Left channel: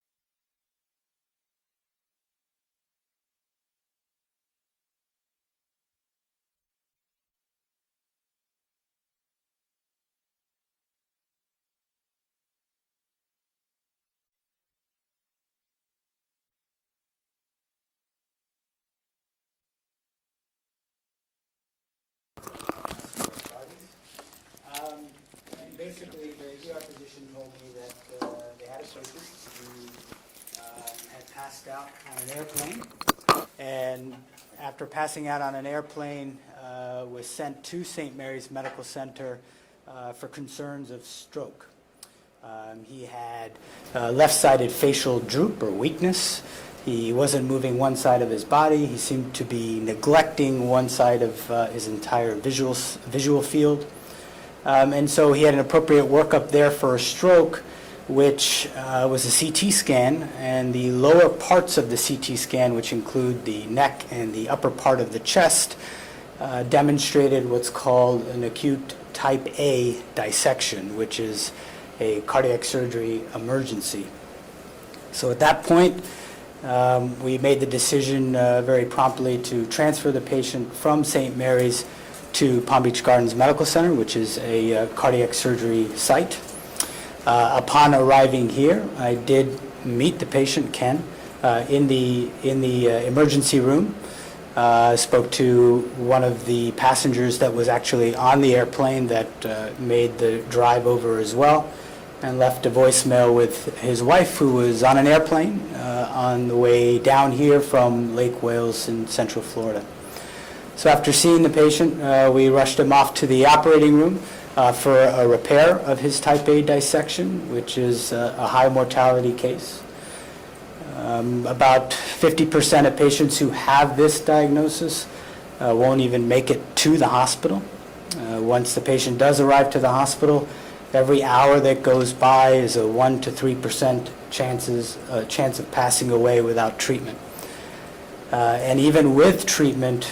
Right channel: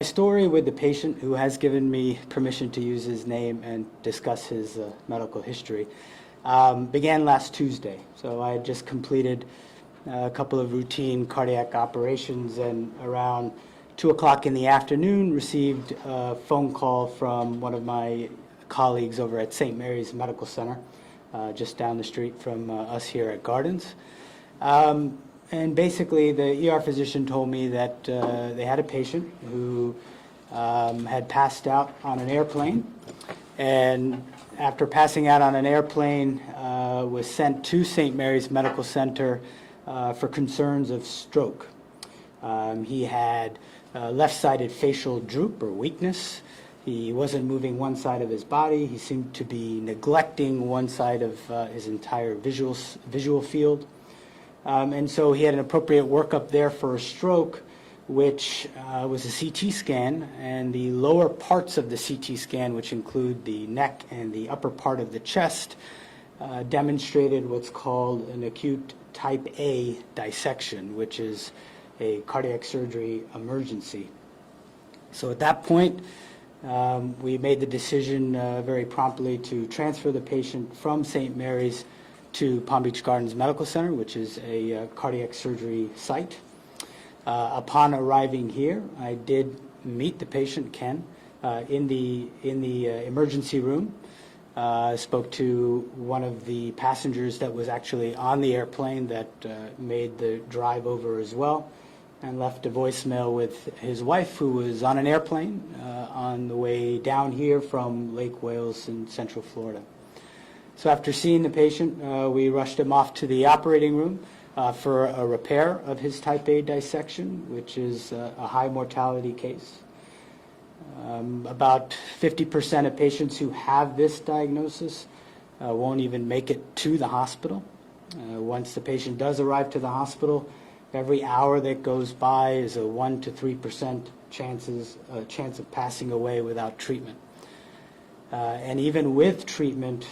My story with the patient who has given me permission to use his name and discuss his medical history began last Tuesday. So I had just completed a couple of routine cardiac operations, and around 2 o'clock in the afternoon received a phone call from one of my colleagues over at St. Mary's Medical Center, just down the street from us here at Gardens. And basically, the ER physician told me that they had a patient who had passed out on an airplane, and after passing out on an airplane, was sent to St. Mary's Medical Center for concerns of stroke. He had left-sided facial droop or weakness. He wasn't moving one side of his body. He seemed to be neglecting one side of his entire visual field. And so he had an appropriate workup there for a stroke, which was a CT scan, and the lower parts of the CT scan, which include the neck and the upper part of the chest, demonstrated what's called an acute type A dissection, which is a cardiac surgery emergency. So at that point, we made the decision very promptly to transfer the patient from St. Mary's to Palm Beach Gardens Medical Center, which is a cardiac surgery site. Upon arriving here, I did meet the patient, Ken, in the emergency room. Spoke to one of the passengers that was actually on the airplane that made the drive over as well, and left a voicemail with his wife, who was on an airplane on the way down here from Lake Wales in Central Florida. So after seeing the patient, we rushed him off to the operating room for a repair of his type A dissection, which is a high mortality case. About 50% of patients who have this diagnosis won't even make it to the hospital. Once the patient does arrive to the hospital, every hour that goes by is a 1 to 3% chance of passing away without treatment. And even with treatment,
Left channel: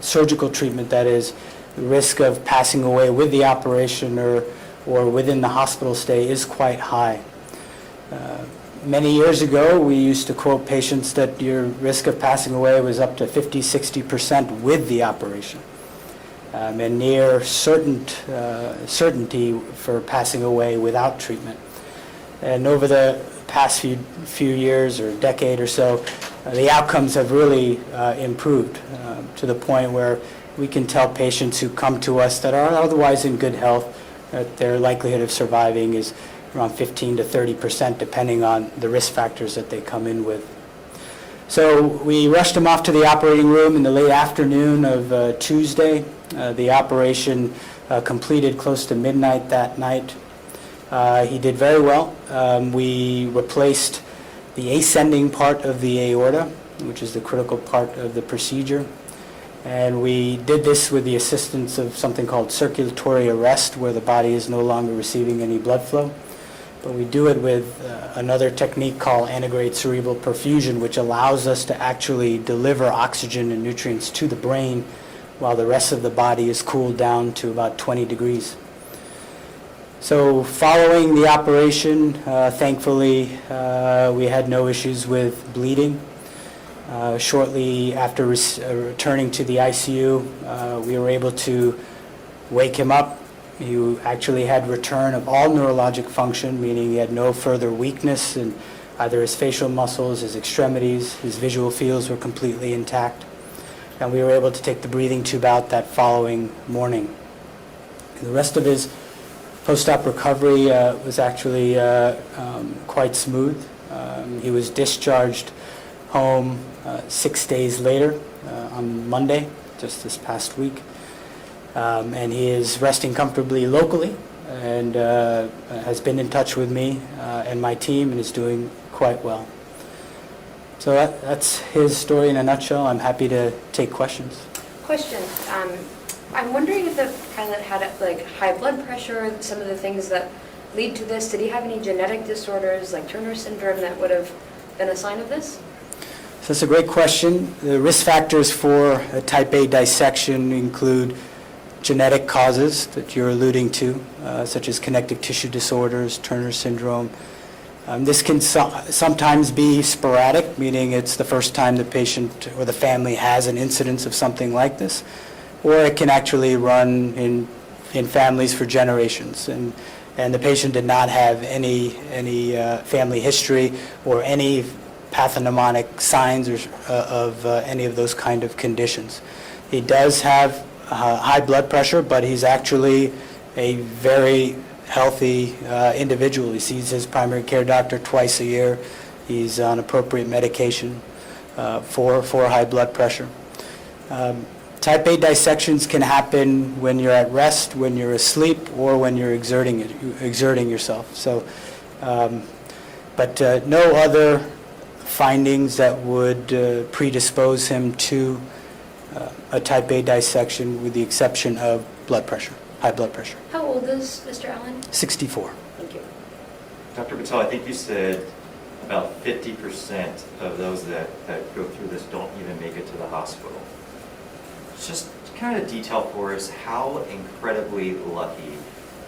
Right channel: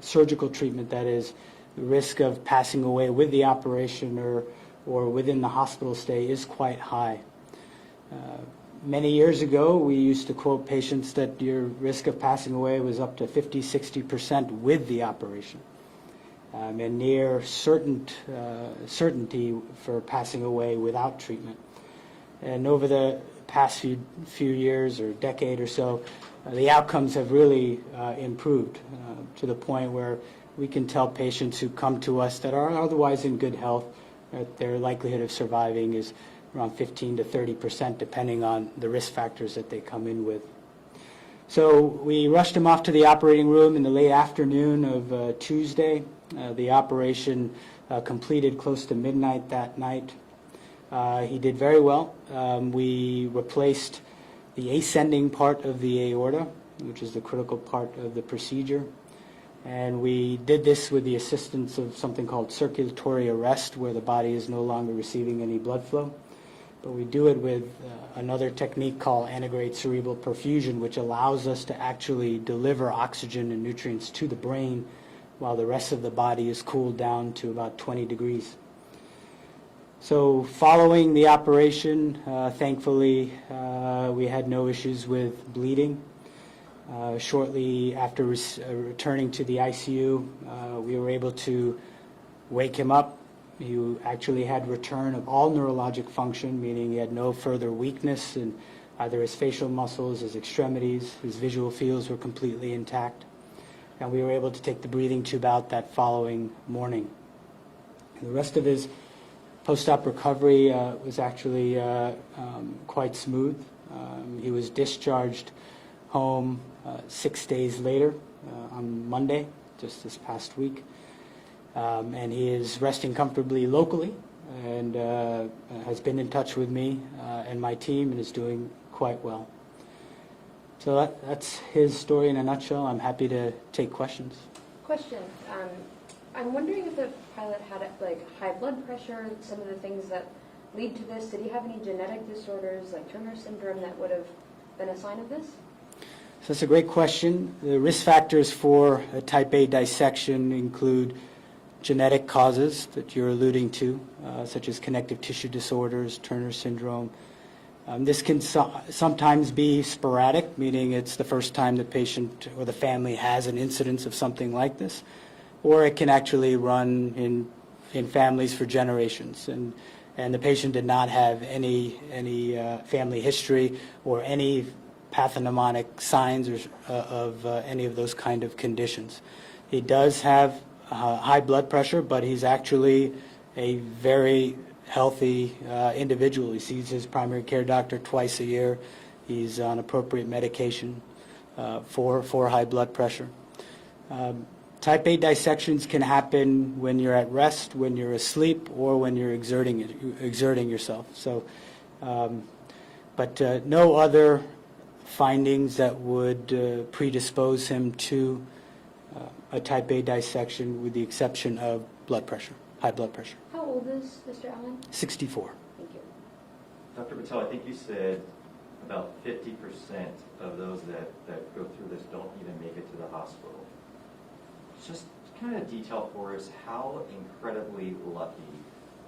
surgical treatment, that is, the risk of passing away with the operation or within the hospital stay is quite high. Many years ago, we used to quote patients that your risk of passing away was up to 50-60% with the operation, and near certainty for passing away without treatment. And over the past few years or decade or so, the outcomes have really improved to the point where we can tell patients who come to us that are otherwise in good health that their likelihood of surviving is around 15 to 30%, depending on the risk factors that they come in with. So we rushed him off to the operating room in the late afternoon of Tuesday. The operation completed close to midnight that night. He did very well. We replaced the ascending part of the aorta, which is the critical part of the procedure. And we did this with the assistance of something called circulatory arrest, where the body is no longer receiving any blood flow. But we do it with another technique called antegrade cerebral perfusion, which allows us to actually deliver oxygen and nutrients to the brain while the rest of the body is cooled down to about 20 degrees. So following the operation, thankfully, we had no issues with bleeding. Shortly after returning to the ICU, we were able to wake him up. He actually had return of all neurologic function, meaning he had no further weakness in either his facial muscles, his extremities. His visual fields were completely intact. And we were able to take the breathing tube out that following morning. And the rest of his post-op recovery was actually quite smooth. He was discharged home 6 days later on Monday, just this past week. And he is resting comfortably locally and has been in touch with me and my team and is doing quite well. So that's his story in a nutshell. I'm happy to take questions. Question. I'm wondering if the pilot had high blood pressure, some of the things that lead to this. Did he have any genetic disorders like Turner syndrome that would have been a sign of this? So that's a great question. The risk factors for a type A dissection include genetic causes that you're alluding to, such as connective tissue disorders, Turner syndrome, This can sometimes be sporadic, meaning it's the first time the patient or the family has an incidence of something like this, or it can actually run in families for generations. And the patient did not have any family history or any pathognomonic signs of any of those kind of conditions. He does have high blood pressure, but he's actually a very healthy individual. He sees his primary care doctor twice a year. He's on appropriate medication for high blood pressure. Type A dissections can happen when you're at rest, when you're asleep, or when you're exerting yourself. So, but no other findings that would predispose him to a type A dissection, with the exception of blood pressure, high blood pressure. How old is Mr. Allen? 64. Thank you. Dr. Patel, I think you said about 50% of those that go through this don't even make it to the hospital. Just kind of detail for us how incredibly lucky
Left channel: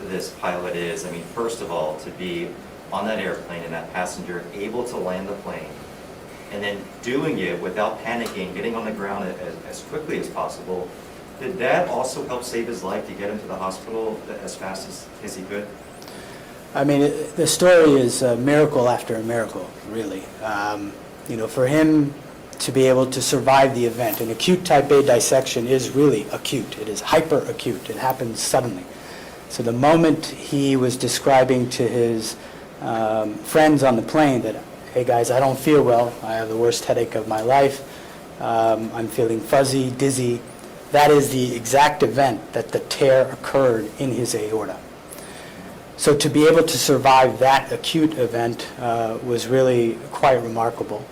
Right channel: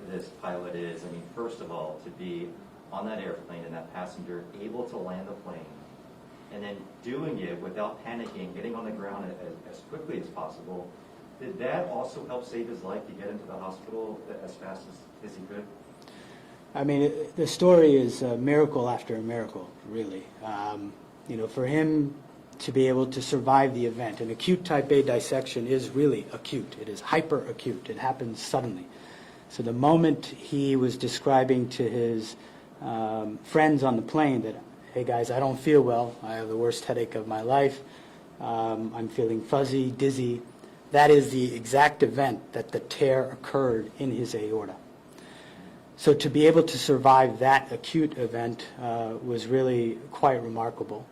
this pilot is. I mean, first of all, to be on that airplane and that passenger able to land the plane, and then doing it without panicking, getting on the ground as quickly as possible. Did that also help save his life to get him to the hospital as fast as he could? I mean, the story is a miracle after a miracle, really. You know, for him to be able to survive the event, an acute type A dissection is really acute. It is hyper acute. It happens suddenly. So the moment he was describing to his friends on the plane that, hey guys, I don't feel well, I have the worst headache of my life, I'm feeling fuzzy, dizzy, that is the exact event that the tear occurred in his aorta. So to be able to survive that acute event was really quite remarkable.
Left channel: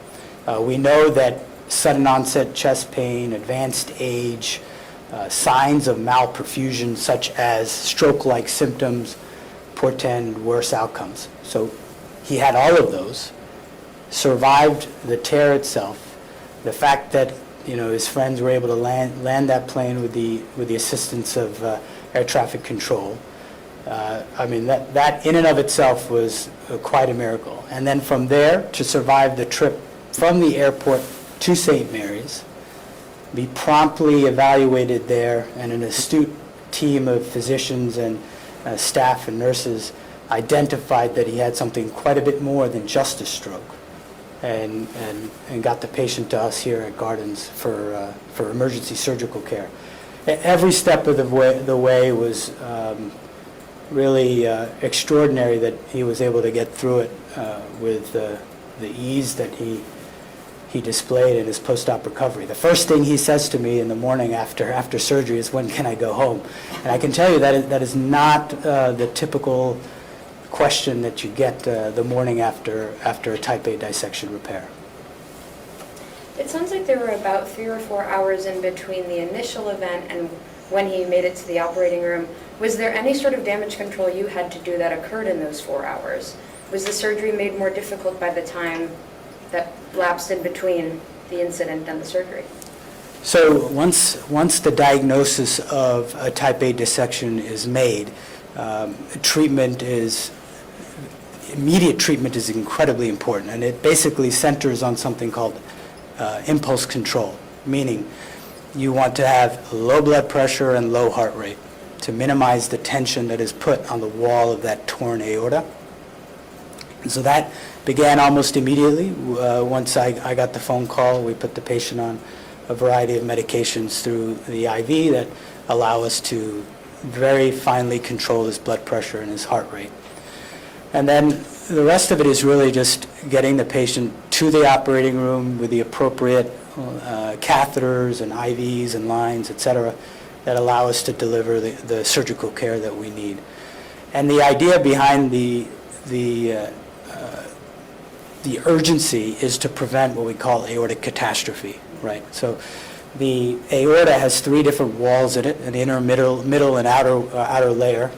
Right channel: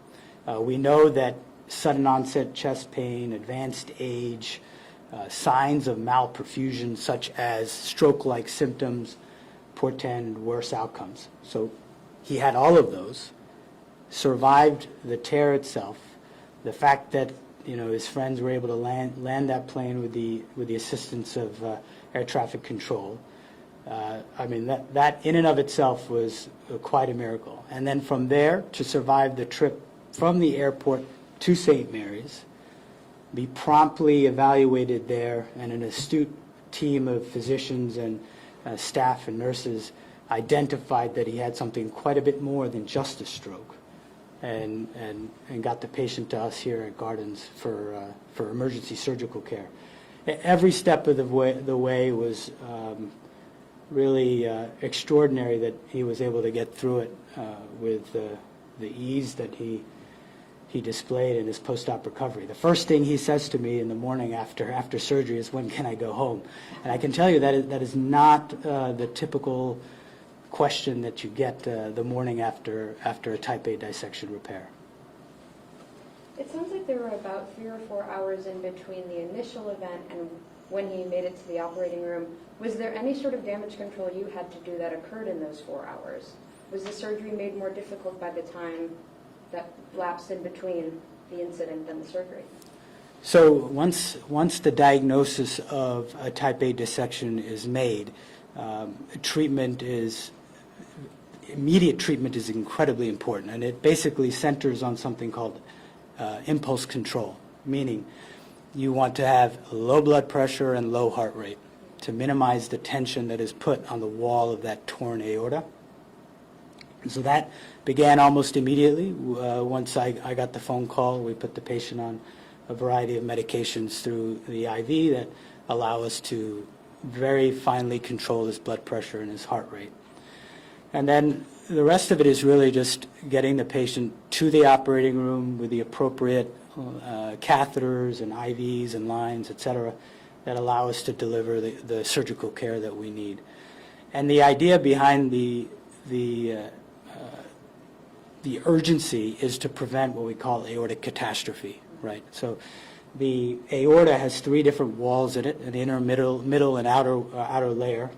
We know that sudden onset chest pain, advanced age, signs of malperfusion such as stroke-like symptoms portend worse outcomes. So he had all of those, survived the tear itself. The fact that, you know, his friends were able to land that plane with the assistance of air traffic control. I mean, that in and of itself was quite a miracle. And then from there, to survive the trip from the airport to St. Mary's, be promptly evaluated there, and an astute team of physicians and staff and nurses identified that he had something quite a bit more than just a stroke, and got the patient to us here at Gardens for emergency surgical care. Every step of the way was really extraordinary, that he was able to get through it with the ease that he displayed in his post-op recovery. The first thing he says to me in the morning after surgery is, when can I go home? And I can tell you that is not the typical question that you get the morning after a type A dissection repair. It sounds like there were about 3 or 4 hours in between the initial event and when he made it to the operating room. Was there any sort of damage control you had to do that occurred in those 4 hours? Was the surgery made more difficult by the time that lapsed in between the incident and the surgery? So once the diagnosis of a type A dissection is made, immediate treatment is incredibly important, and it basically centers on something called impulse control, meaning you want to have low blood pressure and low heart rate to minimize the tension that is put on the wall of that torn aorta. And so that began almost immediately. Once I got the phone call, we put the patient on a variety of medications through the IV that allow us to very finely control his blood pressure and his heart rate. And then the rest of it is really just getting the patient to the operating room with the appropriate catheters and IVs and lines, et cetera, that allow us to deliver the surgical care that we need. And the idea behind the urgency is to prevent what we call aortic catastrophe, right? So the aorta has 3 different walls in it, an inner, middle, and outer layer.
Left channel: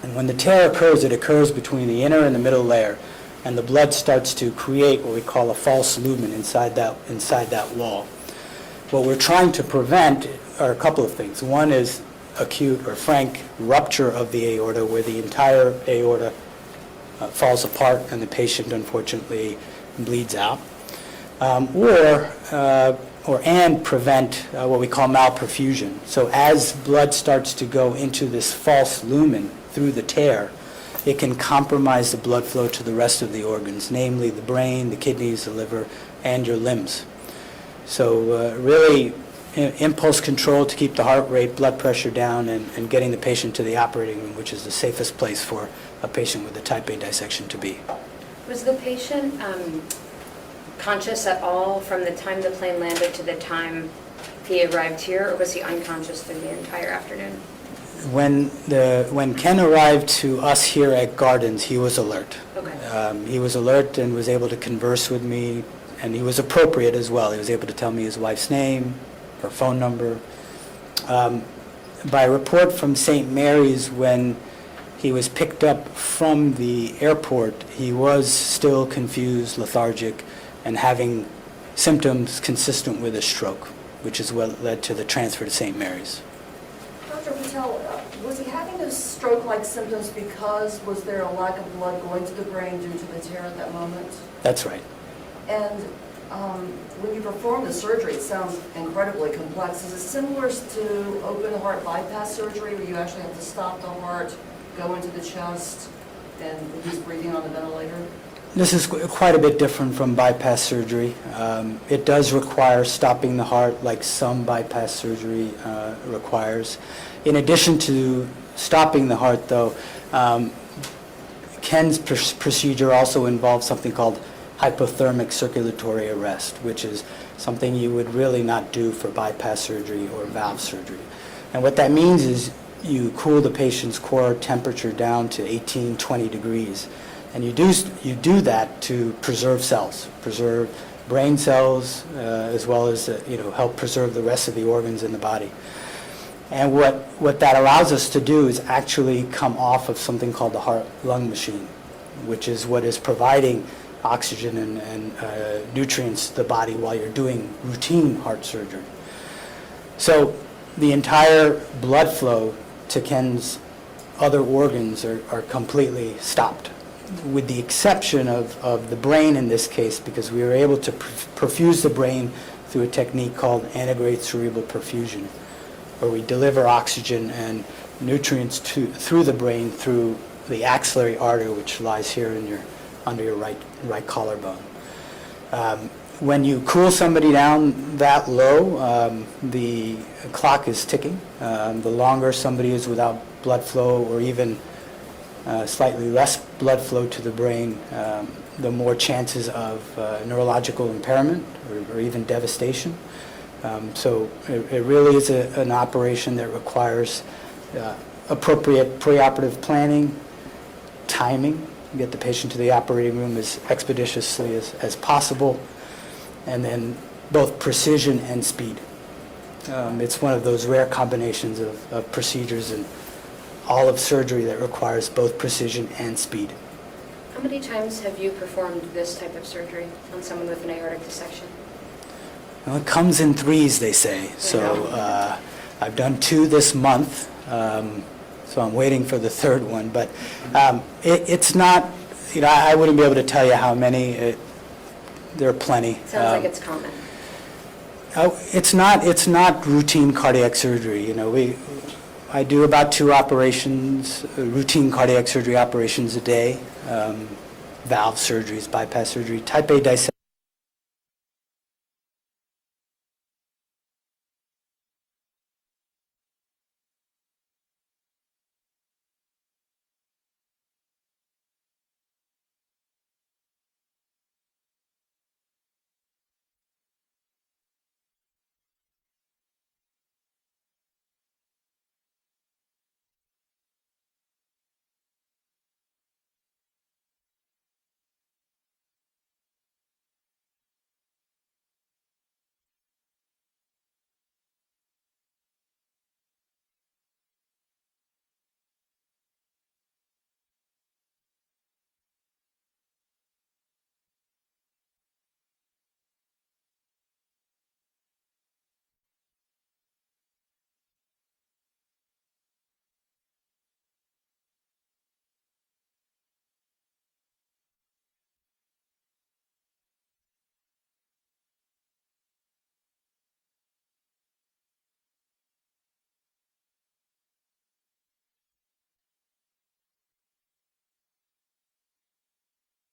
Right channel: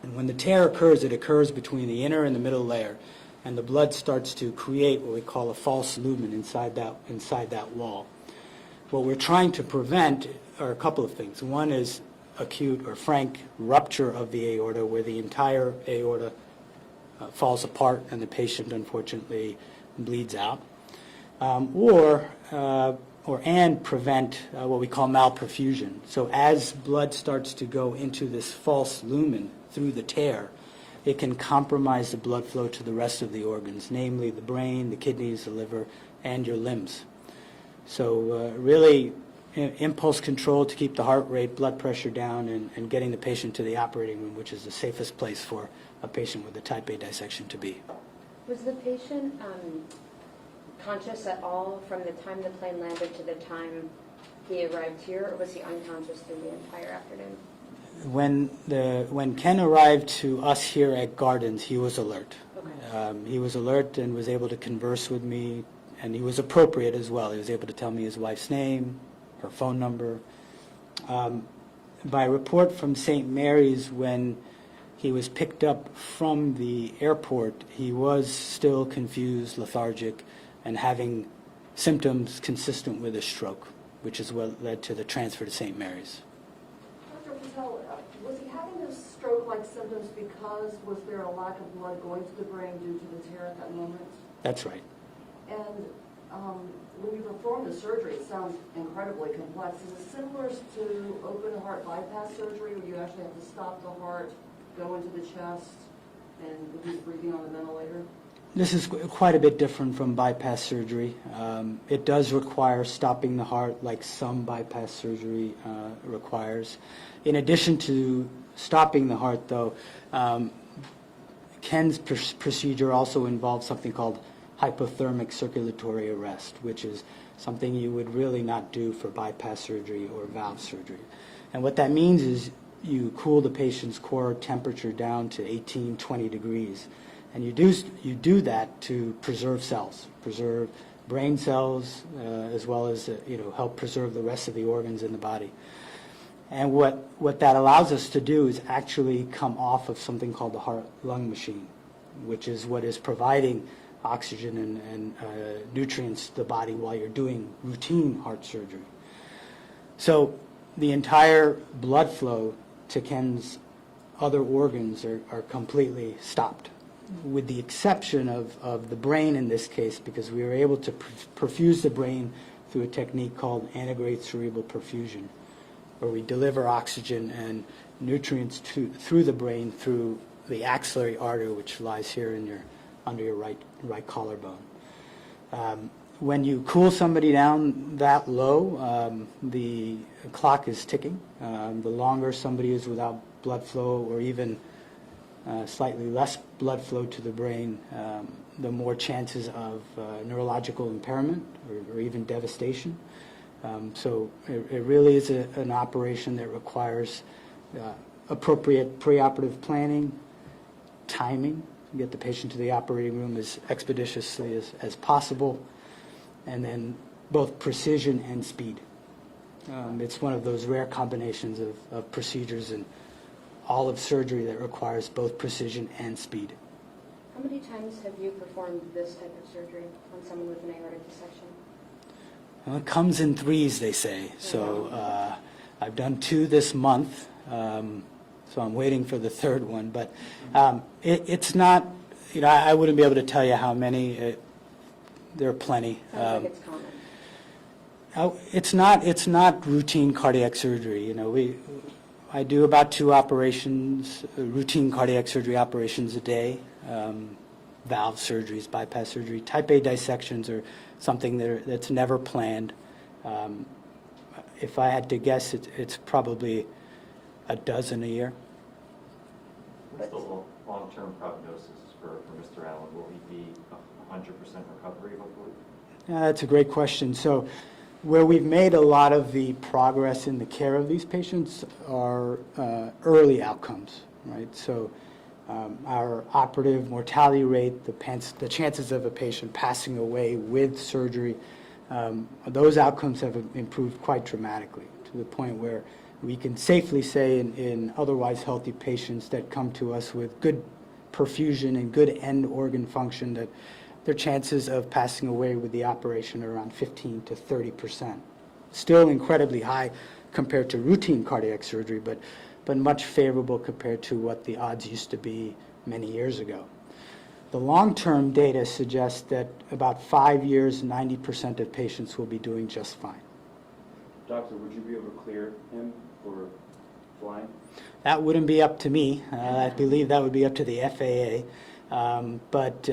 And when the tear occurs, it occurs between the inner and the middle layer, and the blood starts to create what we call a false lumen inside that wall. What we're trying to prevent are a couple of things. One is acute or frank rupture of the aorta, where the entire aorta falls apart and the patient unfortunately bleeds out, and prevent what we call malperfusion. So as blood starts to go into this false lumen through the tear, it can compromise the blood flow to the rest of the organs, namely the brain, the kidneys, the liver, and your limbs. So really, impulse control to keep the heart rate, blood pressure down, and getting the patient to the operating room, which is the safest place for a patient with a type A dissection to be. Was the patient conscious at all from the time the plane landed to the time he arrived here, or was he unconscious through the entire afternoon? When Ken arrived to us here at Gardens, he was alert. Okay. He was alert and was able to converse with me, and he was appropriate as well. He was able to tell me his wife's name, her phone number. By report from St. Mary's, when he was picked up from the airport, he was still confused, lethargic, and having symptoms consistent with a stroke, which is what led to the transfer to St. Mary's. Dr. Patel, was he having those stroke-like symptoms because was there a lack of blood going to the brain due to the tear at that moment? That's right. And when you perform the surgery, it sounds incredibly complex. Is it similar to open heart bypass surgery where you actually have to stop the heart, go into the chest, and he's breathing on the ventilator? This is quite a bit different from bypass surgery. It does require stopping the heart like some bypass surgery requires. In addition to stopping the heart, though, Ken's procedure also involves something called hypothermic circulatory arrest, which is something you would really not do for bypass surgery or valve surgery. And what that means is you cool the patient's core temperature down to 18, 20 degrees. And you do that to preserve cells, preserve brain cells, as well as help preserve the rest of the organs in the body. And what that allows us to do is actually come off of something called the heart-lung machine, which is what is providing oxygen and nutrients to the body while you're doing routine heart surgery. So the entire blood flow to Ken's other organs are completely stopped, with the exception of the brain in this case, because we were able to perfuse the brain through a technique called antegrade cerebral perfusion, where we deliver oxygen and nutrients through the brain through the axillary artery, which lies here under your right collarbone. When you cool somebody down that low, the clock is ticking. The longer somebody is without blood flow, or even slightly less blood flow to the brain, the more chances of neurological impairment or even devastation. So it really is an operation that requires appropriate preoperative planning, timing, get the patient to the operating room as expeditiously as possible, and then both precision and speed. It's one of those rare combinations of procedures in all of surgery that requires both precision and speed. How many times have you performed this type of surgery on someone with an aortic dissection? Well, it comes in threes, they say. So I've done 2 this month, so I'm waiting for the third one. But it's not, I wouldn't be able to tell you how many. There are plenty. Sounds like it's common. It's not routine cardiac surgery. I do about 2 operations, routine cardiac surgery operations a day, valve surgeries, bypass surgery. Type A dissections are something that's never planned. If I had to guess, it's probably a dozen a year. What's the long-term prognosis for Mr. Allen? Will he be 100% recovery, hopefully? Yeah, that's a great question. So where we've made a lot of the progress in the care of these patients are early outcomes, right? So our operative mortality rate, the chances of a patient passing away with surgery, those outcomes have improved quite dramatically, to the point where we can safely say in otherwise healthy patients that come to us with good perfusion and good end organ function, that their chances of passing away with the operation are around 15 to 30%. Still incredibly high compared to routine cardiac surgery, but much favorable compared to what the odds used to be many years ago. The long-term data suggests that about 5 years, 90% of patients will be doing just fine. Doctor, would you be able to clear him for flying? That wouldn't be up to me. I believe that would be up to the FAA. But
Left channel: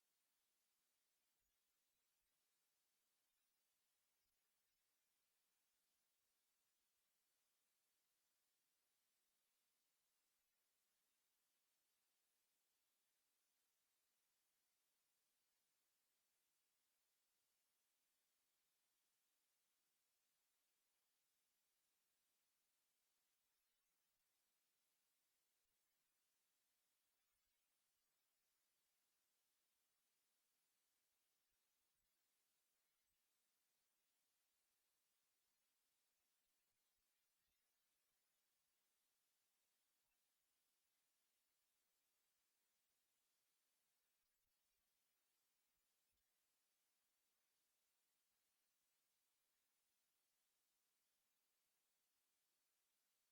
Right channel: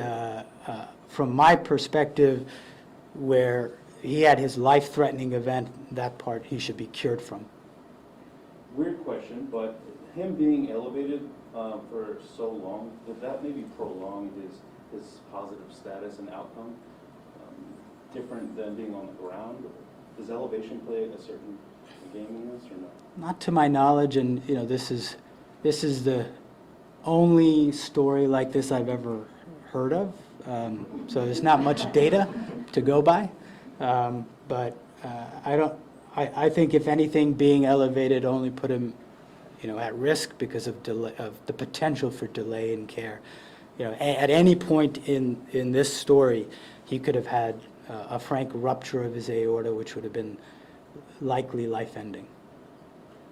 from my perspective, where he had his life-threatening event, that part he should be cured from. Weird question, but him being elevated for so long, did that maybe prolong his positive status and outcome? Different than being on the ground? Does elevation play a certain game in this or no? Not to my knowledge, and this is the only story like this I've ever heard of. So there's not much data to go by, but I think if anything, being elevated only put him, at risk because of the potential for delay in care. At any point in this story, he could have had a frank rupture of his aorta, which would have been likely life-ending.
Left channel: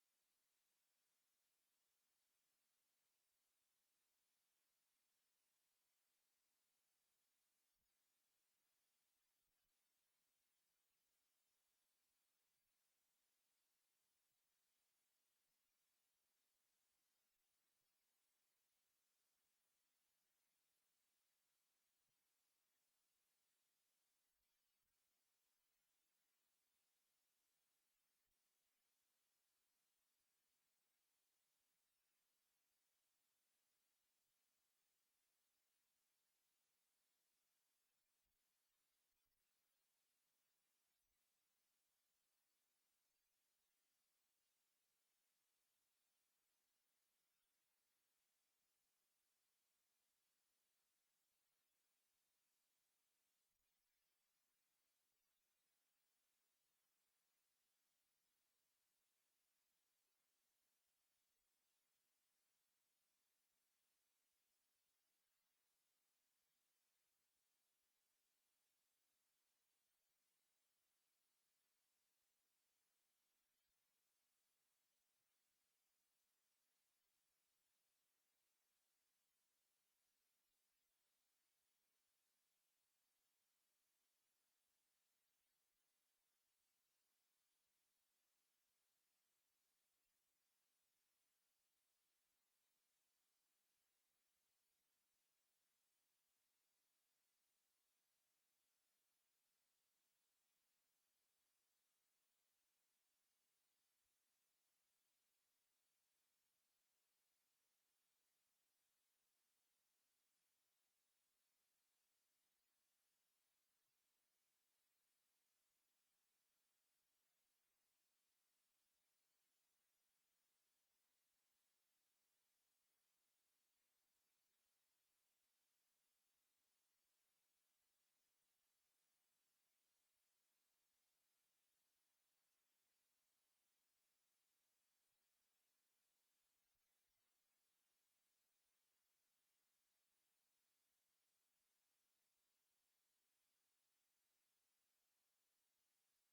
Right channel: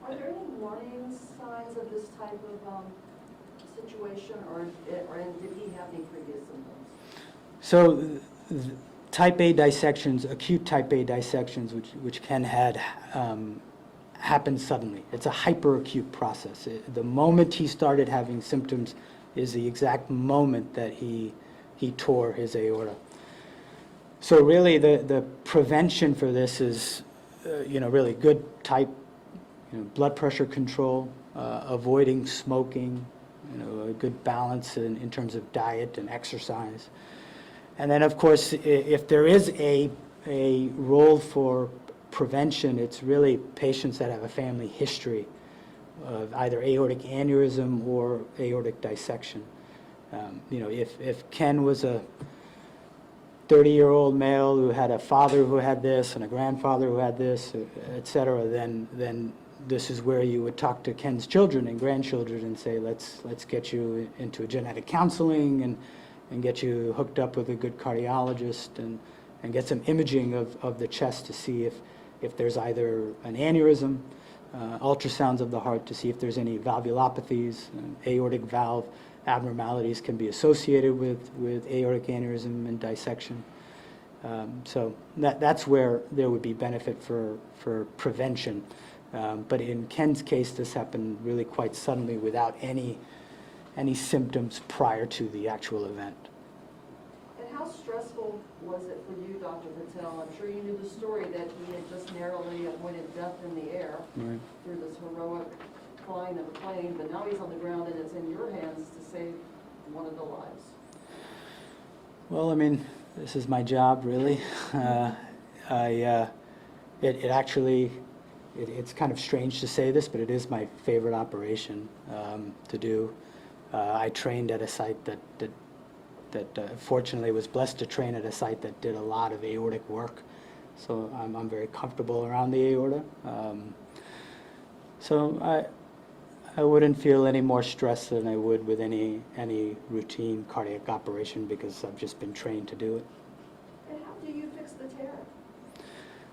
Are there any warning signs of this type of situation, or did he have any previous symptoms? So type A dissections, acute type A dissections, which can happen suddenly. It's a hyperacute process. The moment he started having symptoms is the exact moment that he tore his aorta. So really the prevention for this is, really good type, blood pressure control, avoiding smoking, a good balance in terms of diet and exercise. And then, of course, if there is a role for prevention, it's really patients that have a family history of either aortic aneurysm or aortic dissection. If Ken was a 30-year-old male who had a father who had this and a grandfather who had this, et cetera, then this is where you would talk to Ken's children and grandchildren and say, let's get you into a genetic counseling and get you hooked up with a good cardiologist and get some imaging of the chest to see if there's either an aneurysm, ultrasounds of the heart to see if there's any valvulopathies, aortic valve abnormalities can be associated with aortic aneurysm and dissection. So that's where there would be benefit for prevention. But in Ken's case, this happened really quite suddenly without any symptoms prior to the actual event. And how stressful was it for you, Dr. Patel? I'm sure you knew the story that he had just narrowly avoided death in the air Right. through this heroic flying of a plane, but now he's on the ground and it's in your hands to save one of the lives. Well, I mean, this is my job, really. It's kind of strange to say this, but it is my favorite operation to do. I trained at a site that fortunately was blessed to train at a site that did a lot of aortic work. So I'm very comfortable around the aorta. So I wouldn't feel any more stress than I would with any routine cardiac operation because I've just been trained to do it. And how do you fix the tear?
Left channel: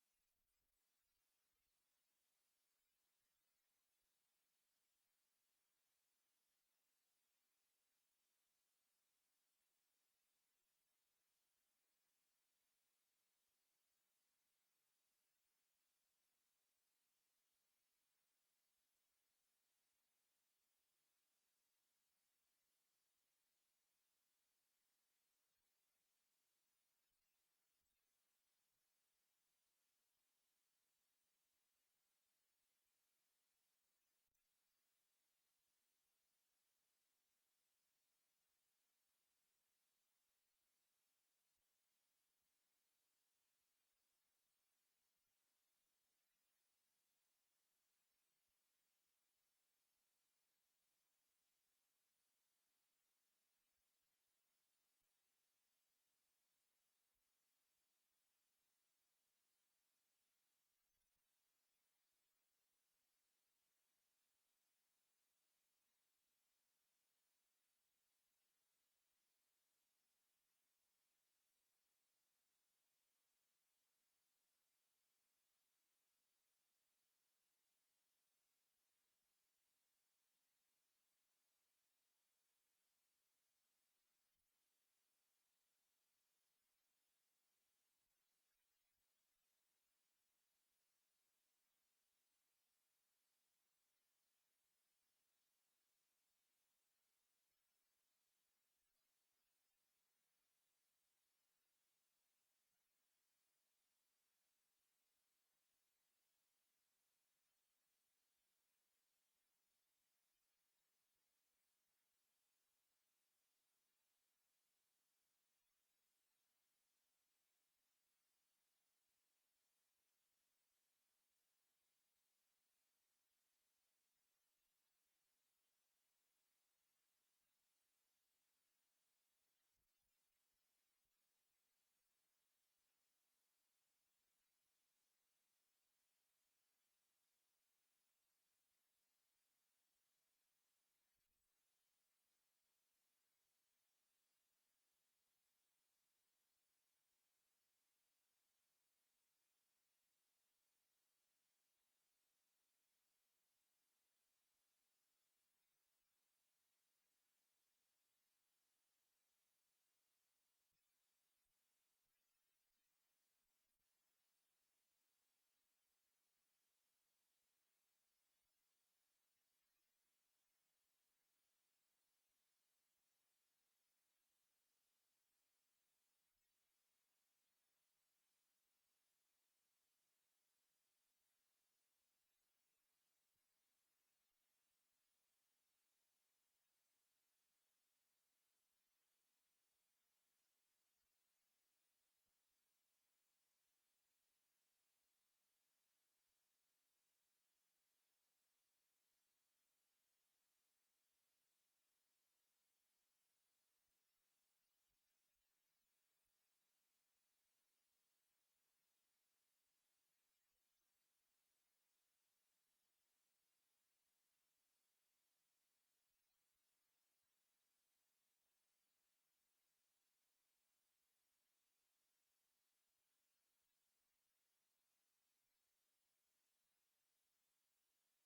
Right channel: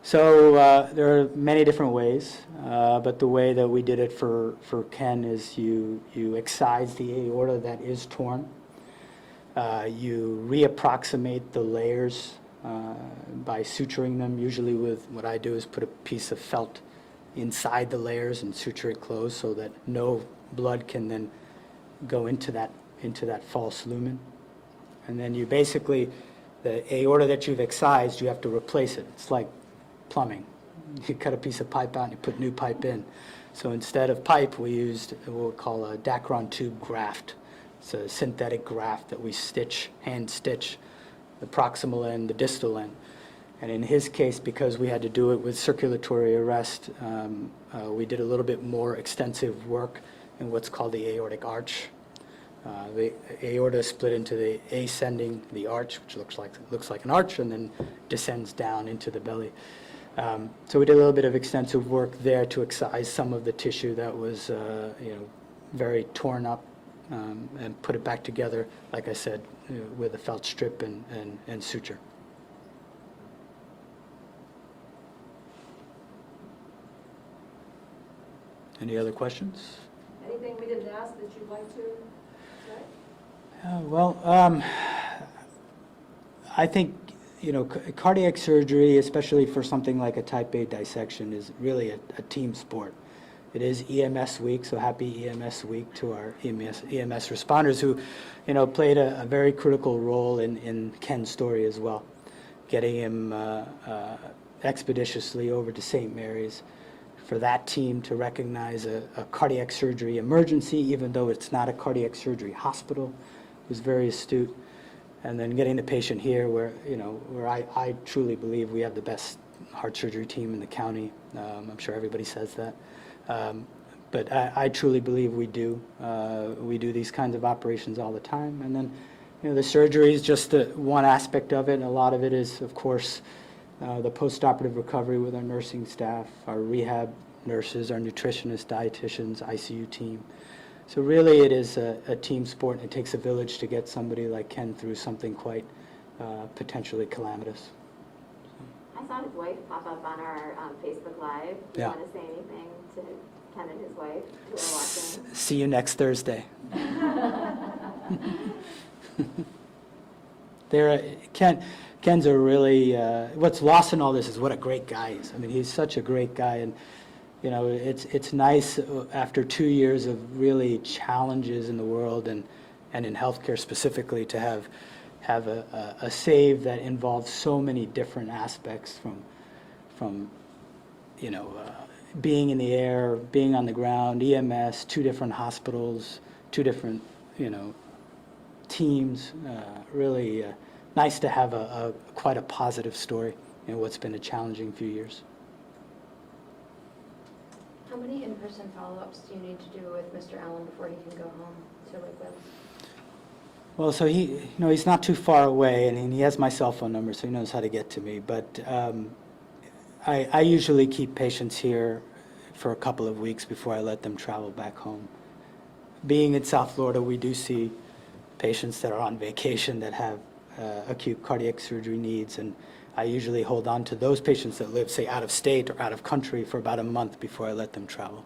So there are many different ways, but the way that we did it for Ken is you excise the aorta that is torn. You reapproximate the layers by suturing them. Usually with what I do is put a piece of felt inside the layers and suture it closed so that no blood can then go into that false lumen. And then you basically, the aorta that you've excised, you have to replace it. It's like plumbing. You cut a piece of pipe out and you put new pipe in. So instead of pipe, we used what we call a Dacron tube graft. It's a synthetic graft that we hand stitch the proximal end, the distal end. And in his case, because we had to do it with circulatory arrest, we did a little bit more extensive work in what's called the aortic arch. The aorta split into the ascending, the arch, which looks like an arch, and then descends down into the belly. So we did a little bit of extensive work there to excise some of the tissue that was, very torn up, and put it back together, like I said, with a felt strip and suture. Any other questions? Anything we didn't ask that you'd like to say? I think, cardiac surgery, especially for something like a type A dissection, is really a team sport. It is EMS week, so happy EMS week to our EMS responders who, played a very critical role in Ken's story as well, getting him expeditiously over to St. Mary's. For that team to recognize a cardiac surgery emergency, even though it's not a cardiac surgery hospital, was very astute. And then getting the patient here where I truly believe we have the best heart surgery team in the county. I'm sure everybody says that. But I truly believe we do. We do these kinds of operations all the time. And then, the surgery is just one aspect of it. And a lot of it is, of course, the post-operative recovery with our nursing staff, our rehab nurses, our nutritionists, dietitians, ICU team. So really it is a team sport, and it takes a village to get somebody like Ken through something quite potentially calamitous. I saw his wife pop up on our Facebook Live. Do you Yeah. want to say anything to Ken and his wife who are watching? See you next Thursday. Ken's a really, what's lost in all this is what a great guy he is. I mean, he's such a great guy, and it's nice after 2 years of really challenges in the world and in healthcare specifically to have a save that involves so many different aspects from being in the air, being on the ground, EMS, 2 different hospitals, 2 different teams. Really nice to have quite a positive story in what's been a challenging few years. How many in-person follow-ups do you need to do with Mr. Allen before he can go home to Lakewood? Well, so he's not too far away, and he has my cell phone number, so he knows how to get to me. But I usually keep patients here for a couple of weeks before I let them travel back home. Being in South Florida, we do see patients that are on vacation that have acute cardiac surgery needs, and I usually hold on to those patients that live, say, out of state or out of country for about a month before I let them travel.